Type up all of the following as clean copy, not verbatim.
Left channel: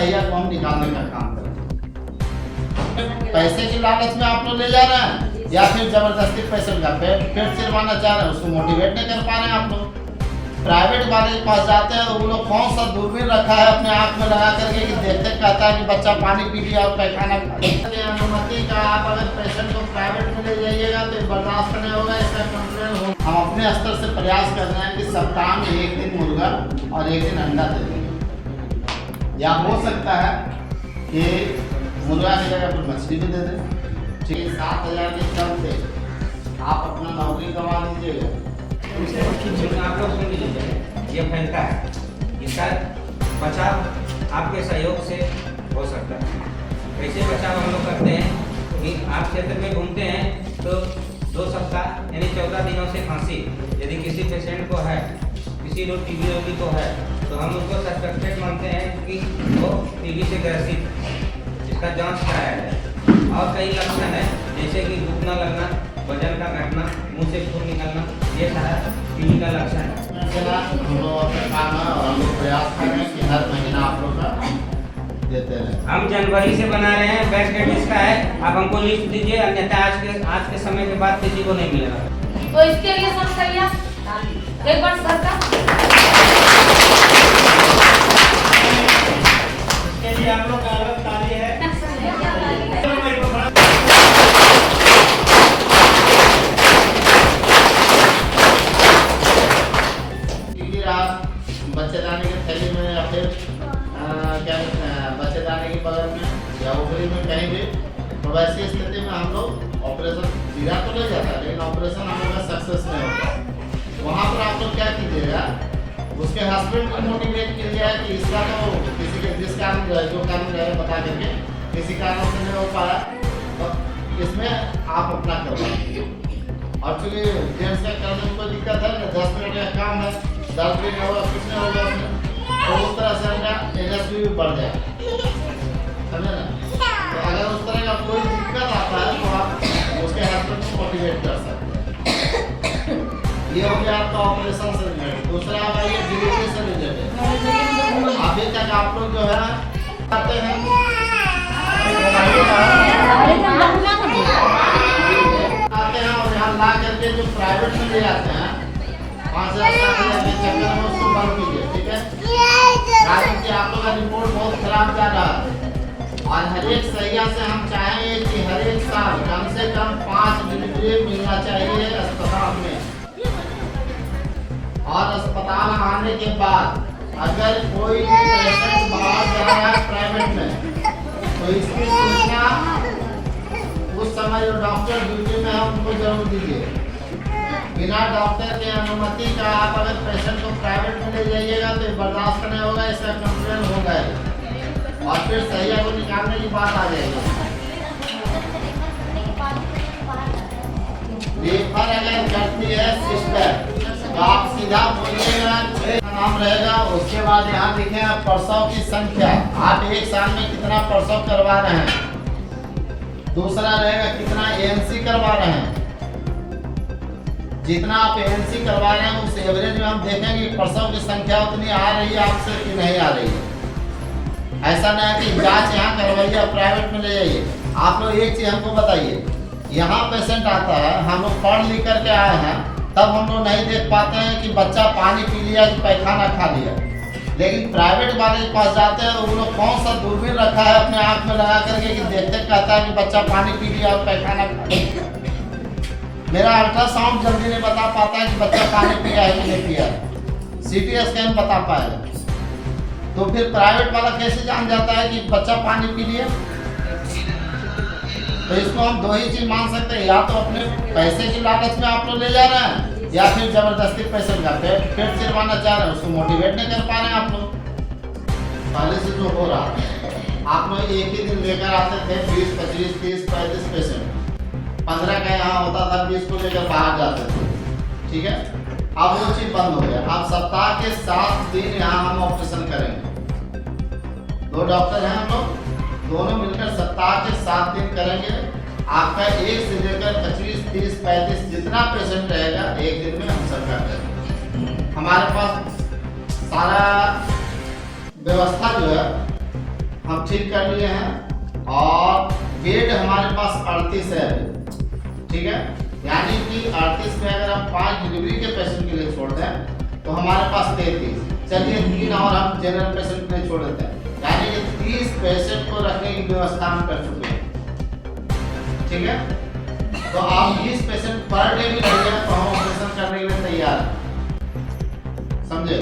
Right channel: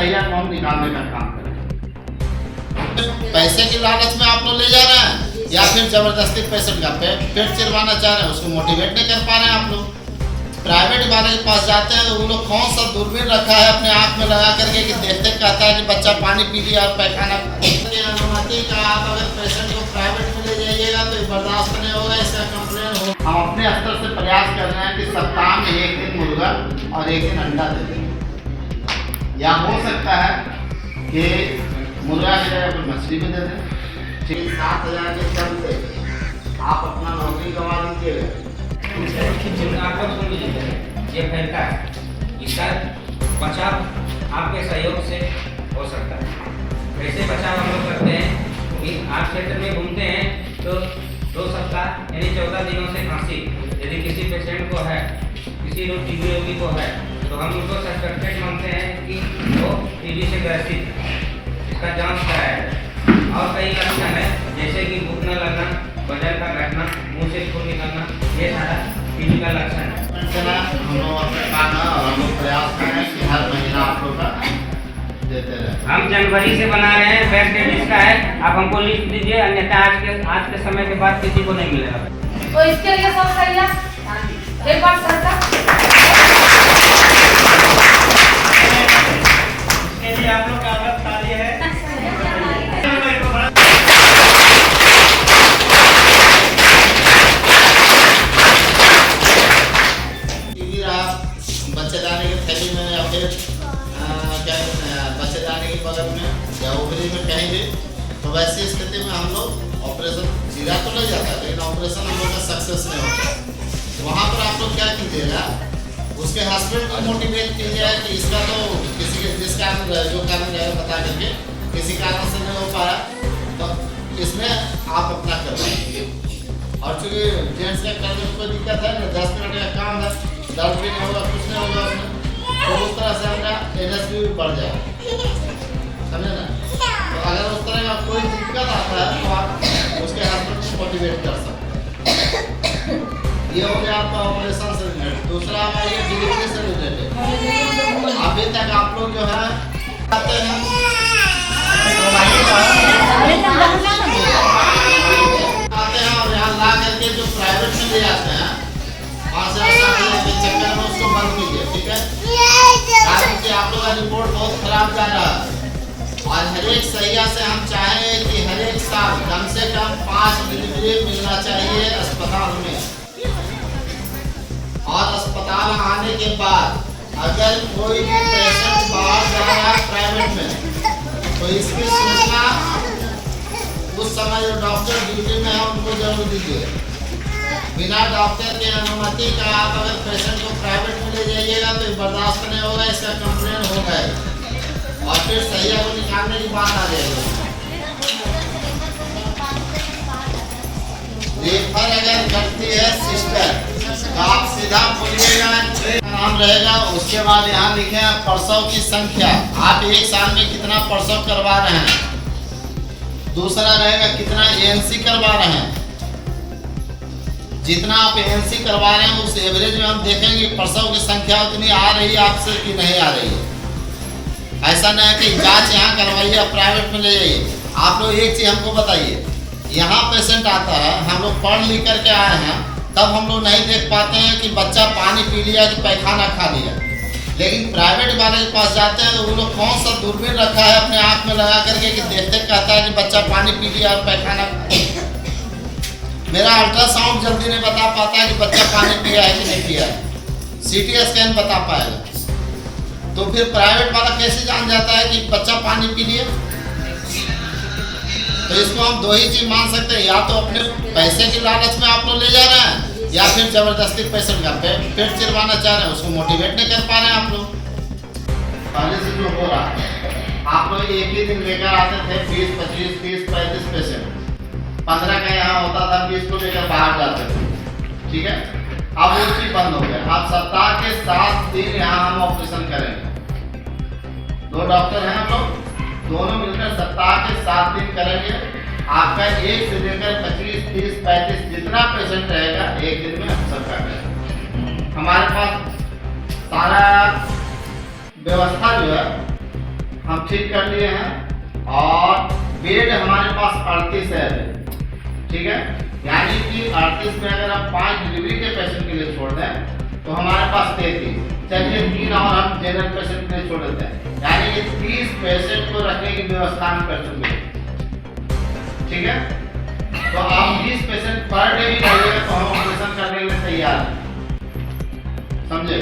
सहिया को हम निकालने का काम करें। पैसे की लालच में आप लोग ले जा रहे हैं या फिर जबरदस्ती पेशेंट का पेट चिरवाना चाह रहे हैं, उसको मोटिवेट नहीं कर पा रहे हैं आप लोग। प्राइवेट वाले के पास जाते हैं तो वो लोग कौन सा दूरबीन रखा है अपने आँख में लगा करके कि देखते कहता है कि बच्चा पानी पी लिया और पैखाना खा लिया। अनुमति का आप अगर पेशेंट को प्राइवेट में ले जाइएगा तो बर्दाश्त नहीं होगा, इसका कंप्लेन हो। हम अपने स्तर से प्रयास कर रहे हैं कि सप्ताह में एक दिन मुर्गा और एक दिन अंडा दे दें, या हो सकता है कि मुर्गा की जगह पर मछली भी दे दें। 7,000 के चलते आप अपना नौकरी गंवा दीजिएगा। आप लोग सुन लीजिए, ये फैलता है, इसका बचाव आपके सहयोग से हो सकता है। कैसे बचाव हम लोग करते हैं कि आप क्षेत्र में घूमते हैं तो 2 सप्ताह यानी 14 दिनों से खांसी यदि किसी पेशेंट को है, किसी लोग टीबी रोगी को है, तो हम उनको सस्पेक्टेड मानते हैं कि वो टीबी से ग्रसित है, इसका जांच कराया है। और कई लक्षण है जैसे कि भूख न लगना, वजन का घटना, मुंह से खून निकलना, ये सारा टीबी का लक्षण है। हम लोग अपने काम है और हम लोग प्रयास कर रहे हैं कि हर महीना आप लोग का देते रहे। हम जनवरी से बना रहे हैं, बेस्ट डेट इसका है, आप हमको लिख दीजिए, अन्यथा आज के समय के बाद किसी को नहीं मिलेगा। तो इसके लिए सब सही एक बार सरकार इसके लिए आप लोग का अलग ताली है। बच्चेदानी की थैली में या फिर क्या बच्चेदानी के बगल में या ओवरी में कहीं भी, तो वैसी स्थिति में हम लोग ऑपरेशन जीरा तो ले जाता है, लेकिन ऑपरेशन हम लोग का सक्सेस नहीं होता। वहाँ पर आप लोग क्या कीजिएगा, उसके हस्बैंड को मोटिवेट कीजिएगा कि इसका तो किसी के जिस कारण जो कारण रहेगा बता करके किसी कारण से नहीं हो पाया, तो इसमें आप अपना करवाइए। और चूँकि जेंट्स का करने में कोई दिक्कत है ना, 10 मिनट का काम है, दर्द भी नहीं होगा, कुछ नहीं होगा उसमें, तो उस तरह से हमारा एनर्जी भी बढ़ जाए, समझे ना। तो अगर उस तरह का कोई दिक्कत आता है तो आप उसके हस्बैंड को मोटिवेट कर सकते हैं। ये हो गया आपका ऑपरेशन से रिलेटेड। दूसरा आप आइए डिलीवरी से रिलेटेड। अभी तक आप लोग जो है आते हैं और यहाँ ला करके जो प्राइवेट में ले जाते हैं 5,000 के चक्कर में उसको बंद कीजिए, ठीक है। कारण कि आप लोग का रिपोर्ट बहुत खराब जा रहा है और हर एक सहिया से हम चाहेंगे कि हर एक साल कम से कम 5 डिलीवरी मिलना चाहिए अस्पताल में। और अस्पताल आने के बाद अगर कोई भी पेशेंट बाहर जा रहा है प्राइवेट में, तो इसकी सूचना उस समय जो डॉक्टर ड्यूटी में है उनको जरूर दीजिए। बिना डॉक्टर की अनुमति का आप अगर पेशेंट को प्राइवेट में ले जाइएगा तो बर्दाश्त नहीं होगा, इसका कंप्लेन होगा और फिर सहिया को निकालने की बात आ जाएगी। रेफर अगर करती है सिस्टर तो आप सीधा बोलिएगा नाम रहेगा, उसके बाद यहाँ लिखे प्रसव की संख्या, आप एक साल में कितना प्रसव करवा रहे हैं। दूसरा रहेगा कितना एएनसी करवा रहे हैं। जितना आप एएनसी करवा रहे हैं उस एवरेज में हम देखेंगे प्रसव की संख्या उतनी आ रही है आपसे कि नहीं आ रही है। ऐसा नहीं है कि जांच यहाँ करवाइए प्राइवेट में ले जाइए। आप लोग एक चीज़ हमको बताइए, यहाँ पेशेंट आता है, हम लोग पढ़ लिख करके आए हैं, तब हम लोग नहीं देख पाते हैं कि बच्चा पानी पी लिया कि पैखाना खा लिया, लेकिन प्राइवेट वाले के पास जाते हैं तो वो लोग कौन सा दूरबीन रखा है अपने आँख में लगा करके कि देखते कहता है कि बच्चा पानी पी लिया और पैखाना खा लिया। मेरा अल्ट्रासाउंड जल्दी नहीं बता पाता है कि बच्चा पानी पिया है कि नहीं पिया है, सीटी स्कैन बता पाएगा। तो फिर प्राइवेट वाला कैसे जान जाता है कि बच्चा पानी पी लिया। तो इसको हम 2 ही चीज़ मान सकते हैं, या तो अपने पैसे की लालच में आप लोग ले जा रहे हैं या फिर जबरदस्ती पेशेंट का पेट चिरवाना चाह रहे हैं, उसको मोटिवेट नहीं कर पा रहे हैं आप लोग। पहले से जो हो रहा है, आप लोग एक ही दिन लेकर आते थे 20, 25, 30, 35 पेशेंट, 15 का यहाँ होता था, 20 को लेकर बाहर जाते थे, ठीक है। अब वो चीज़ बंद हो गया। अब सप्ताह के 7 दिन यहाँ हम ऑपरेशन करेंगे। 2 डॉक्टर हैं हम लोग, दोनों मिलकर सप्ताह के 7 दिन करेंगे। आपका 1 से लेकर 25, 30, 35 जितना पेशेंट रहेगा एक दिन में हम सबका करेंगे। हमारे पास सारा व्यवस्था जो है हम ठीक कर लिए हैं और बेड हमारे पास 38 है ठीक है। यानी कि 38 में अगर हम 5 डिलीवरी के पेशेंट के लिए छोड़ दें तो हमारे पास 33। चलिए 3 और हम जनरल पेशेंट के लिए छोड़ देते हैं, यानी कि 30 पेशेंट को रखने की व्यवस्था हम कर चुके हैं ठीक है। तो आप 20 पेशेंट पर डे भी रहिएगा तो हम ऑपरेशन करने के लिए तैयार हैं, समझे।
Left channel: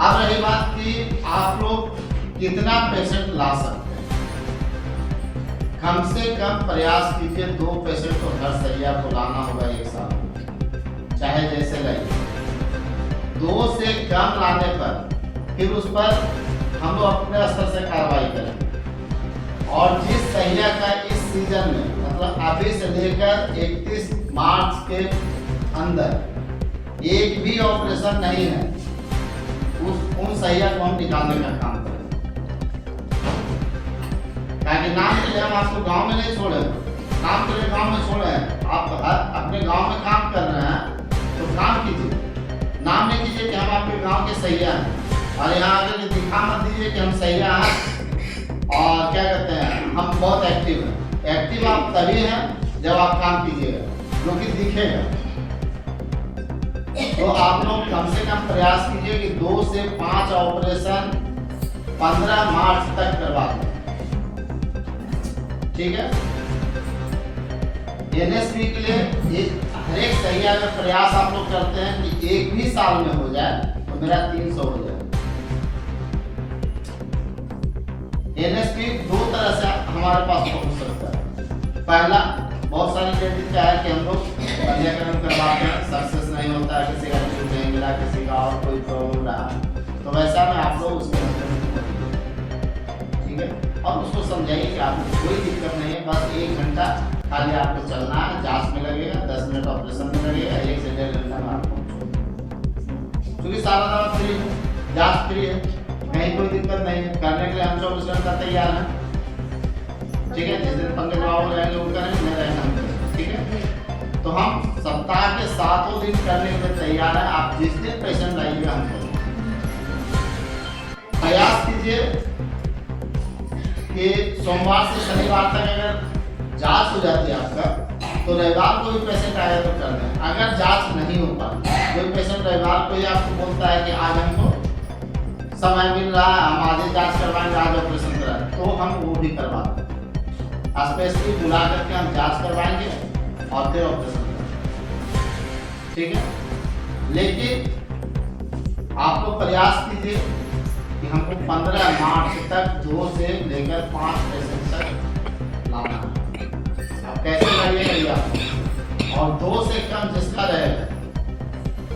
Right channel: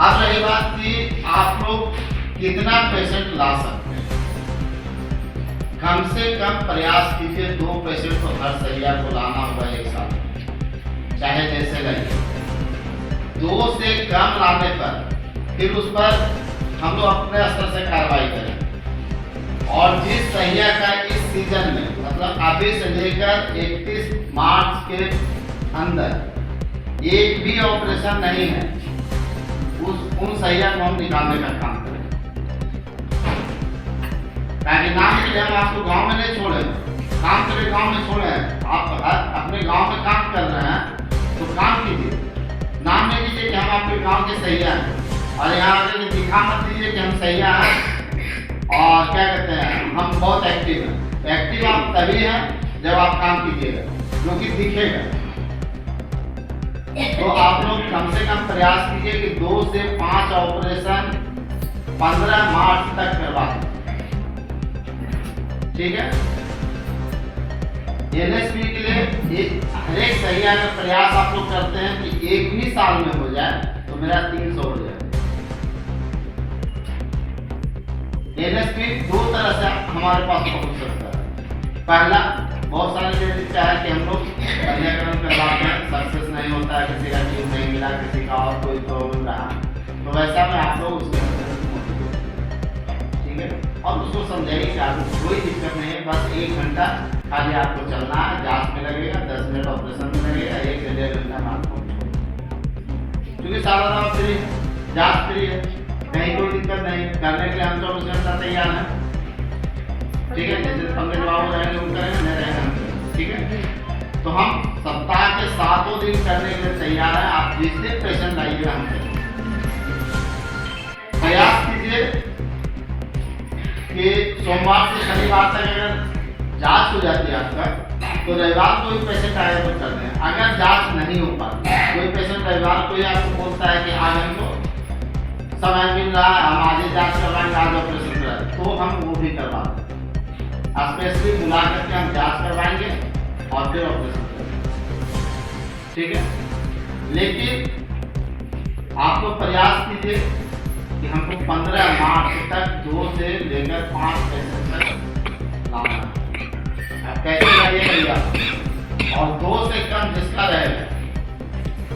अब रही बात कि आप लोग कितना पेशेंट ला सकते हैं। कम से कम प्रयास कीजिए 2 पेशेंट को हर सैया को लाना होगा एक साथ में, चाहे जैसे लगे। 2 से कम लाने पर फिर उस पर हम लोग अपने स्तर से कार्रवाई करें। और जिस सैया का इस सीजन में मतलब अभी से लेकर 31 मार्च के अंदर एक भी ऑपरेशन नहीं है, उन सैया को हम निकालने का काम करें। ताकि नाम के लिए हम आपको गांव में नहीं छोड़े, काम के लिए गांव में छोड़े हैं। आप अपने गांव में काम कर रहे हैं तो काम कीजिए, नाम नहीं कीजिए कि हम आपके गांव के सैया हैं और यहाँ आकर दिखा मत दीजिए कि हम सैया हैं और क्या कहते हैं हम बहुत एक्टिव हैं। एक्टिव आप तभी हैं जब आप काम कीजिएगा, जो कि दिखेगा। तो आप लोग कम से कम प्रयास कीजिए कि 2 से 5 ऑपरेशन 15 मार्च तक करवा दें, ठीक है। एनएसपी के लिए हर एक सैया का प्रयास आप लोग करते हैं कि एक भी साल में हो जाए तो मेरा 300 हो जाए। एनएसपी 2 तरह से हमारे पास पहुंच सकता है। पहला, बहुत सारे लेडीज का है कि हम लोग पंजीकरण करवाते हैं, सक्सेस नहीं होता है, किसी का ट्यूब नहीं मिला, किसी का और कोई प्रॉब्लम रहा, तो वैसा में आप लोग उसके ठीक है। और उसको समझाइए कि आपको कोई दिक्कत नहीं है, बस 1 घंटा खाली आपको चलना है, जांच में लगेगा, 10 मिनट ऑपरेशन में लगेगा, 1 से 1.5 घंटा में आपको क्योंकि सारा दवा फ्री है, जांच फ्री है, कहीं कोई दिक्कत नहीं है। करने के लिए हम 24 घंटा तैयार हैं, ठीक है। जिस दिन कमरे जवाब हो जाएंगे वो करेंगे, नहीं रहेंगे हम करेंगे, ठीक है। तो हम सप्ताह के 7 दिन करने के लिए तैयार हैं। आप जिस दिन पेशेंट लाइएगा हम करेंगे। प्रयास कीजिए कि सोमवार से शनिवार तक अगर जांच हो जाती है आपका, तो रविवार को भी पेशेंट आएगा तो कर दें। अगर जांच नहीं हो पाती, कोई पेशेंट रविवार को ही आपको बोलता है कि आज हमको समय मिल रहा है, हम आज ही जांच करवाएंगे, आज ऑपरेशन कराएंगे, तो हम वो भी करवा दें। स्पेशली बुला करके हम जांच करवाएंगे और फिर ऑपरेशन करेंगे, ठीक है। लेकिन आप लोग प्रयास कीजिए कि हमको 15 मार्च तक 2 से लेकर 5 पेशेंट तक लाना है। अब कैसे लाइएगा और 2 से कम जिसका रहेगा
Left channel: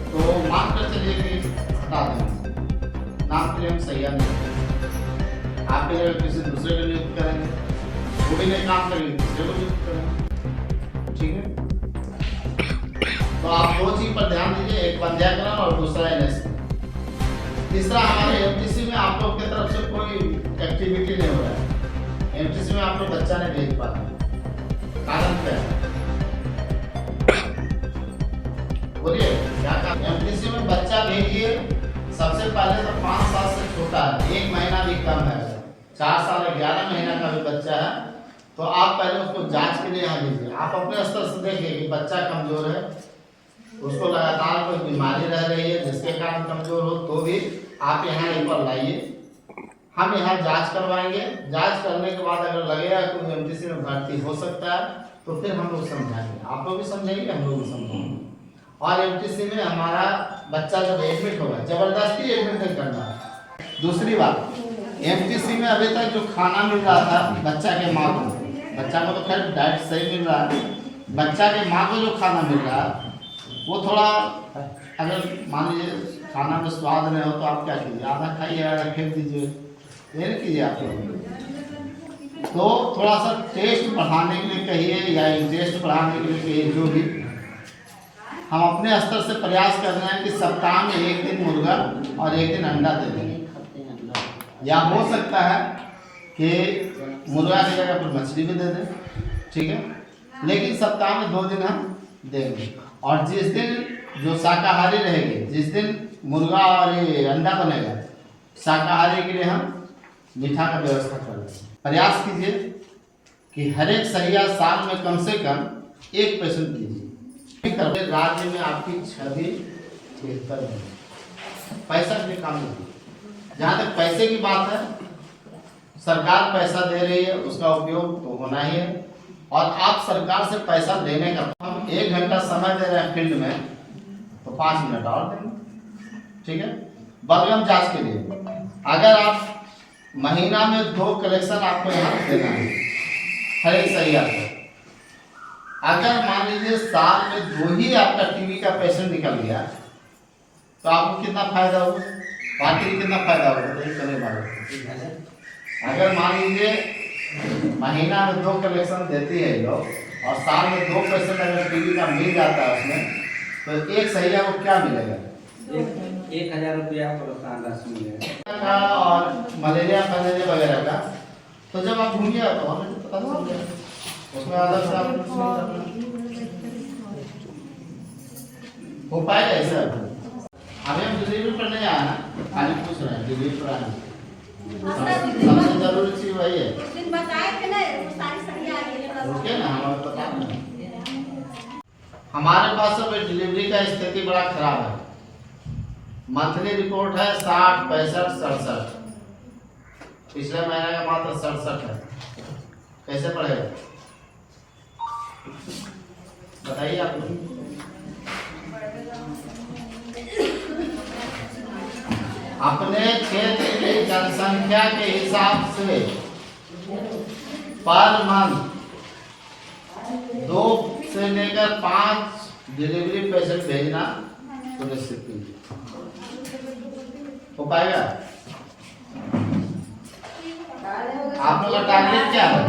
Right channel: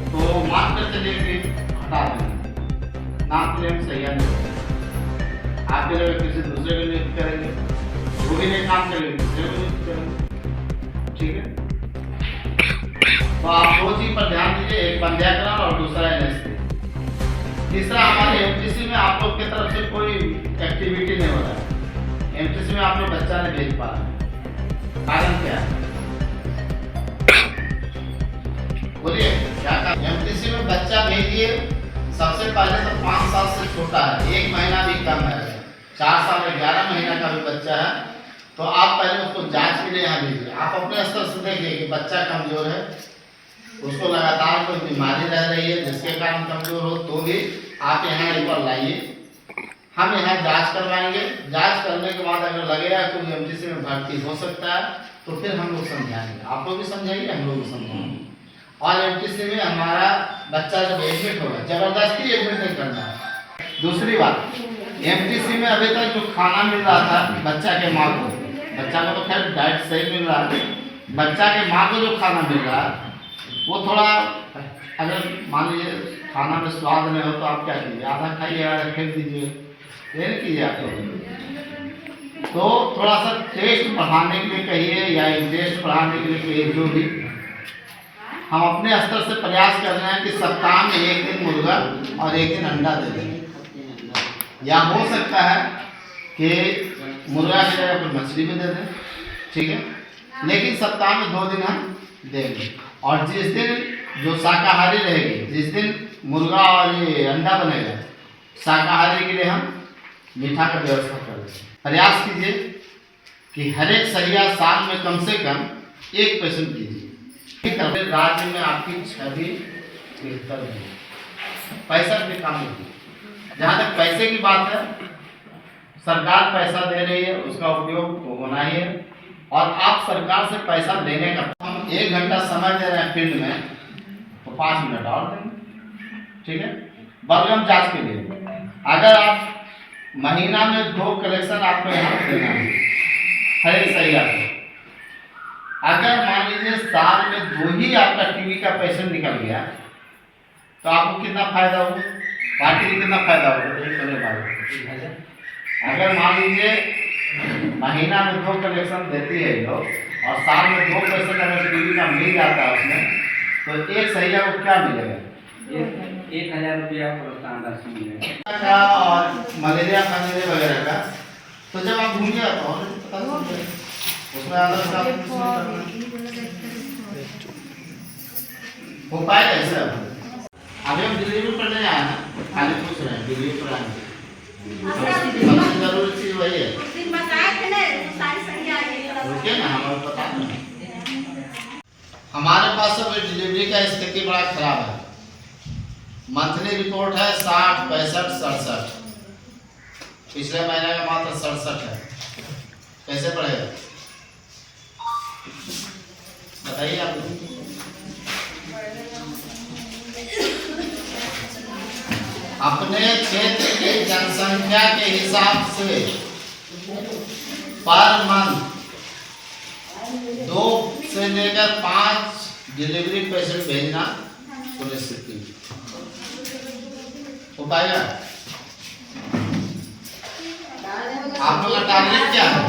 तो मान कर चलिए कि हटा देंगे, नाम के लिए हम सैया नहीं, आपके जगह किसी दूसरे को नियुक्त करेंगे, वो भी नहीं काम करेंगे, दूसरे को नियुक्त करेंगे, ठीक है। तो आप 2 चीज पर ध्यान दीजिए, एक पंजीकरण और दूसरा एनएसपी। तीसरा, हमारे एमटीसी में आप लोग की तरफ से कोई एक्टिविटी नहीं हो रहा है। एमटीसी में आप लोग बच्चा नहीं भेज पा रहे, कारण क्या है बोलिए, क्या कारण? एमटीसी में बच्चा भेजिए, सबसे पहले तो 5 साल से छोटा है, 1 महीना भी कम है, 4 साल 11 महीना का भी बच्चा है, तो आप पहले उसको जांच के लिए यहाँ भेजिए। आप अपने स्तर से देखिए कि बच्चा कमजोर है, उसको लगातार कोई बीमारी रह रही है जिसके कारण कमजोर हो, तो भी आप यहाँ रिपोर्ट लाइए, हम यहाँ जांच करवाएंगे। जांच करने के बाद अगर लगेगा कोई एमटीसी में भर्ती हो सकता है तो फिर हम लोग समझाएंगे, आप लोग भी समझाइए, हम लोग भी समझाएंगे। और एमटीसी में हमारा बच्चा जब एडमिट होगा, जबरदस्ती एडमिट नहीं करना है। दूसरी बात, एमटीसी में अभी तक जो खाना मिल रहा था बच्चा के माँ को, बच्चा को तो खैर डाइट सही मिल रहा है, बच्चा के माँ को जो खाना मिल रहा है वो थोड़ा, अगर मान लीजिए खाना में स्वाद नहीं हो तो आप क्या कीजिए, आधा खाइए, आधा फेंक दीजिए, ये नहीं कीजिए आप लोग। तो थोड़ा सा टेस्ट बढ़ाने के लिए कहिए या इंटरेस्ट बढ़ाने के लिए कहिए, जो भी हम अपने स्तर से प्रयास कर रहे हैं कि सप्ताह में 1 दिन मुर्गा और 1 दिन अंडा दे दें, या हो सकता है कि मुर्गा की जगह पर मछली भी दे दें, ठीक है। लेकिन सप्ताह में 2 दिन हम देंगे। और जिस दिन जो शाकाहारी रहेगी, जिस दिन मुर्गा और ये अंडा बनेगा, शाकाहारी के लिए हम मीठा का व्यवस्था कर दें। प्रयास कीजिए कि हर एक सहिया साल में कम से कम 1 पेशेंट कीजिए। राज्य में आपकी छवि बेहतर है, पैसा भी कम होगी। जहाँ तक पैसे की बात है, सरकार पैसा दे रही है, उसका उपयोग तो होना ही है। और आप सरकार से पैसा लेने का, हम 1 घंटा समय दे रहे हैं फील्ड में, तो 5 मिनट और देंगे, ठीक है। बलगम जांच के लिए अगर आप महीना में 2 कलेक्शन आपको यहाँ देना है हर एक सही आपको। अगर मान लीजिए साल में 2 ही आपका टीबी का पेशेंट निकल गया, तो आपको कितना फायदा होगा, पार्टी को कितना फायदा होगा। अगर मान लीजिए महीना में 2 कलेक्शन देती है लोग और साल में 2 पेशेंट अगर टीबी का मिल जाता है उसमें, तो एक सहिया को क्या मिलेगा, 1000 रुपया प्रोत्साहन राशि मिलेगा और मलेरिया फैलेरिया वगैरह का। तो जब आप घूमिए तो पता चल जाएगा उसमें हो पाएगा ऐसा। अभी हम डिलीवरी करने आए हैं, खाली पूछ रहे हैं डिलीवरी कराने, सबसे जरूरी चीज वही है। रुकिए ना, हमारे पता नहीं। हमारे पास अब डिलीवरी का स्थिति बड़ा खराब है। मंथली रिपोर्ट है 60, 65, 67। पिछले महीने का मात्र 67 है। कैसे बढ़ेगा बताइए आप। अपने क्षेत्र की जनसंख्या के हिसाब से पर मंथ 2 से लेकर 5 डिलीवरी पेशेंट भेजना सुनिश्चित कीजिए। हो पाएगा? आप लोग का टारगेट क्या है?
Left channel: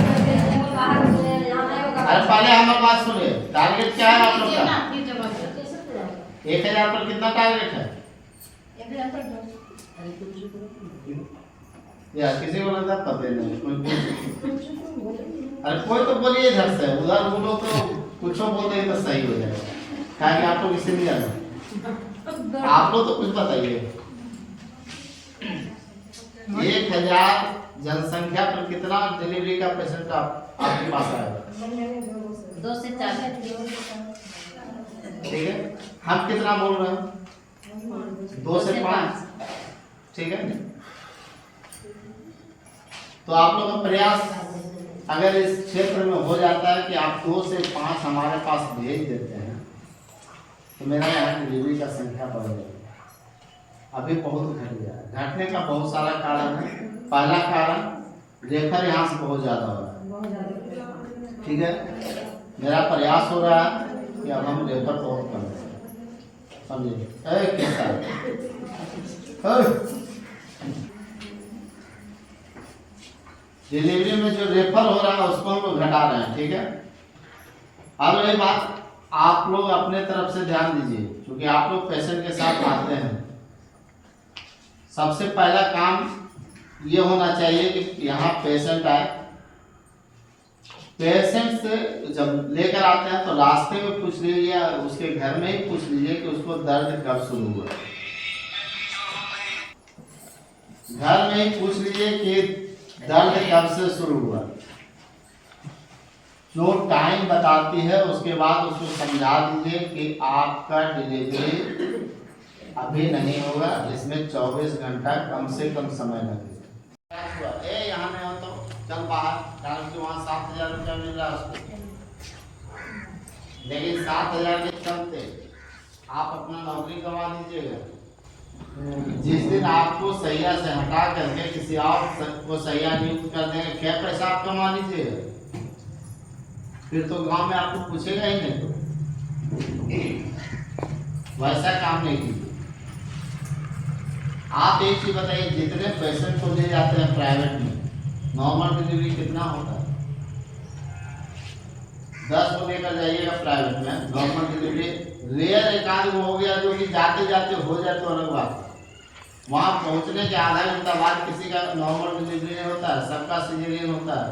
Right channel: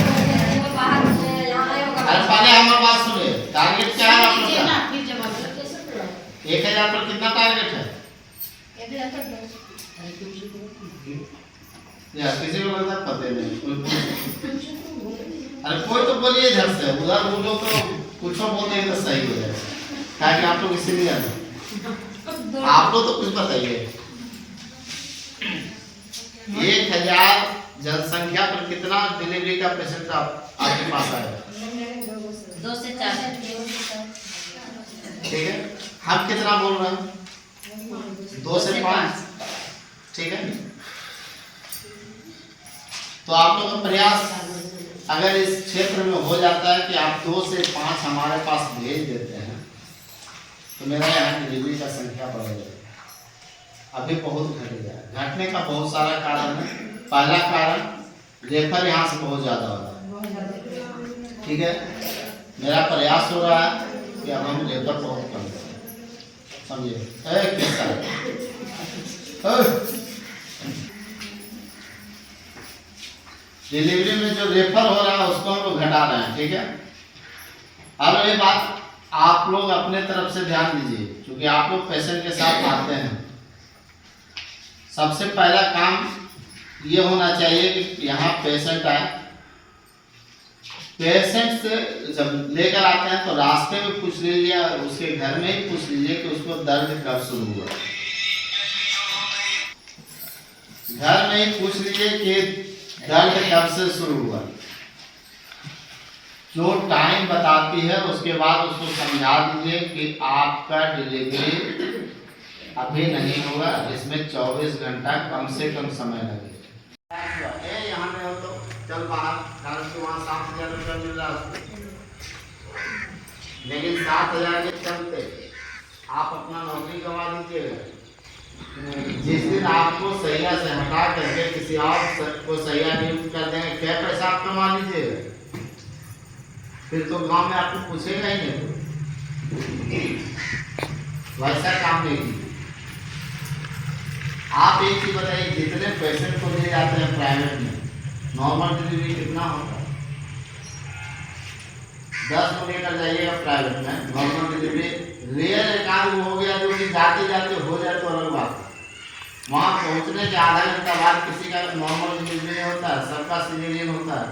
अरे पहले हमारी बात सुनिए, टारगेट क्या है आप लोग का? 1000 पर कितना टारगेट है? या किसी को लगता है पता नहीं, कोई अरे कोई तो बोलिए इधर से, उधर बोलो तो कुछ बोल देंगे तो सही हो जाएगा। क्या कि आप लोग इससे नहीं जाना, आप लोग तो कुछ बताइए। 1000 जनसंख्या पर कितना डिलीवरी का पेशेंट आपके पास आएगा? 2 से 4। ठीक है, हम कितना बोल रहे हैं? 2 से 5। ठीक है, तो आप लोग का प्रयास अगर इस क्षेत्र में हो जाता है कि आप 2 से 5 हमारे पास भेज देते हैं, तो मेरा यहाँ डिलीवरी का संख्या बढ़ जाएगा। अभी बहुत घट गया है। घटने का बहुत सारा कारण है। पहला कारण रेफर यहाँ से बहुत ज़्यादा हो रहा है, ठीक है। मेरा प्रयास हो रहा है कि अब हम रेफर बहुत कम करें, समझिए। डिलीवरी में जो रेफर हो रहा है उसको हम लोग घटा रहे हैं, ठीक है। अब ये बात आप लोग अपने तरफ से ध्यान दीजिए, क्योंकि आप लोग पेशेंट के साथ आते हैं। सबसे पहला काम ये होना चाहिए कि यहाँ पेशेंट आए, पेशेंट से जब लेकर आते हैं तो रास्ते में पूछ लीजिए, उसके घर में ही पूछ लीजिए कि उसको दर्द कब शुरू हुआ। घर में ही पूछ लीजिए कि दर्द कब से शुरू हुआ। जो टाइम बताती है उसके बाद उसको समझा दीजिए कि आपका डिलीवरी अभी नहीं होगा, इसमें 24 घंटा कम से कम समय लगेगा। यहाँ में हो तो चल बाहर, कारण कि वहाँ 7000 रुपया मिल रहा है उसको, लेकिन 7000 के चलते आप अपना नौकरी गंवा दीजिएगा। जिस दिन आपको सैया से हटा करके किसी और को सैया नियुक्त कर देंगे, क्या पैसा आप कमा लीजिएगा? फिर तो गांव में आपको पूछेगा ही नहीं। वैसा काम नहीं कीजिए। आप एक चीज बताइए, जितने पेशेंट को ले जाते हैं प्राइवेट में, नॉर्मल डिलीवरी कितना होता है? 10 को लेकर जाइएगा प्राइवेट में, नॉर्मल डिलीवरी रेयर एकांत हो गया जो कि जाते जाते हो जाए तो अलग बात है। वहाँ पहुँचने के आधा घंटा बाद किसी का नॉर्मल डिलीवरी होता है, सबका सिजेरियन होता है।